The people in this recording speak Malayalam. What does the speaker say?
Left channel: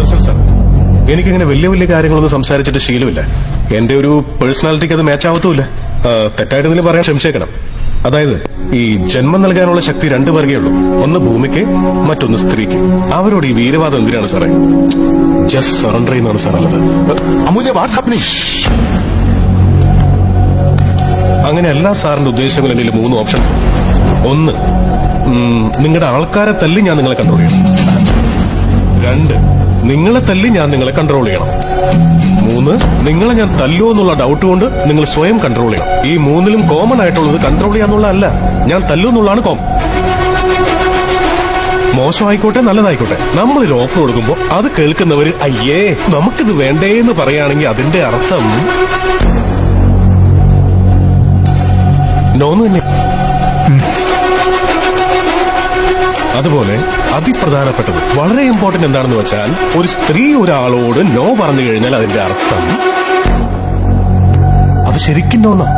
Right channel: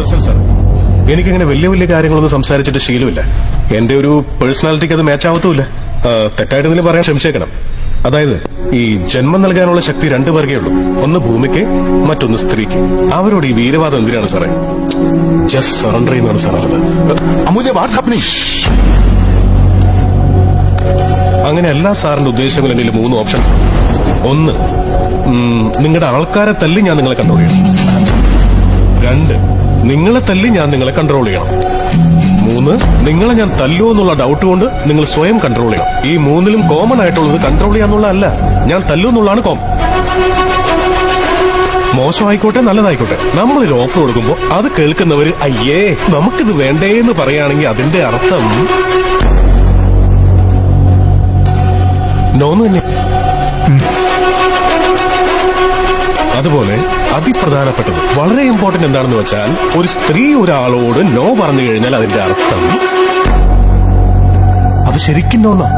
സുദർശൻ സാർ, എനിക്കങ്ങനെ വലിയ വലിയ കാര്യങ്ങളൊന്നും സംസാരിച്ചിട്ട് ശീലമില്ല. എന്റെ ഒരു പേഴ്സണാലിറ്റിക്ക് അത് മാച്ച് ആവത്തുമില്ല. തെറ്റായിട്ട് ഇതിന് പറയാൻ ക്ഷമിച്ചേക്കണം. അതായത് ഈ ജന്മം നൽകാനുള്ള ശക്തി രണ്ടു പേർക്കേ ഉള്ളൂ. ഒന്ന് ഭൂമിക്ക്, മറ്റൊന്ന് സ്ത്രീക്ക്. അവരോട് ഈ വീരവാദം എന്തിനാണ് സാറേ? ജസ്റ്റ് സറണ്ടർ ചെയ്യുന്നതാണ് സാർ നല്ലത്. അമൂല്യ, വാട്ട്സ് ഹാപ്പനിങ്? അങ്ങനെ എല്ലാ സാറിന്റെ ഉദ്ദേശങ്ങളും എന്നിൽ 3 ഓപ്ഷൻസ്. ഒന്ന്, നിങ്ങളുടെ ആൾക്കാരെ തല്ലി ഞാൻ നിങ്ങളെ കൺട്രോൾ ചെയ്യണം. 2, നിങ്ങളെ തല്ലി ഞാൻ നിങ്ങളെ കൺട്രോൾ ചെയ്യണം. 3, നിങ്ങളെ ഞാൻ തല്ലൂ എന്നുള്ള ഡൗട്ട് കൊണ്ട് നിങ്ങൾ സ്വയം കൺട്രോൾ ചെയ്യണം. ഈ 3ലും കോമൺ ആയിട്ടുള്ളത് കൺട്രോൾ ചെയ്യാന്നുള്ളതല്ല, ഞാൻ തല്ലൂ എന്നുള്ളതാണ് കോമൺ. മോശമായിക്കോട്ടെ നല്ലതായിക്കോട്ടെ, നമ്മളൊരു ഓഫർ കൊടുക്കുമ്പോ അത് കേൾക്കുന്നവര് അയ്യേ നമുക്കിത് വേണ്ടേന്ന് പറയുകയാണെങ്കിൽ അതിന്റെ അർത്ഥം നോന്ന് തന്നെ. അതുപോലെ അതിപ്രധാനപ്പെട്ടത്, വളരെ ഇമ്പോർട്ടന്റ് എന്താണെന്ന് വെച്ചാൽ, ഒരു സ്ത്രീ ഒരാളോട് നോ പറഞ്ഞു കഴിഞ്ഞാൽ അതിന്റെ അർത്ഥം അത് ശരിക്കും നോന്നാ.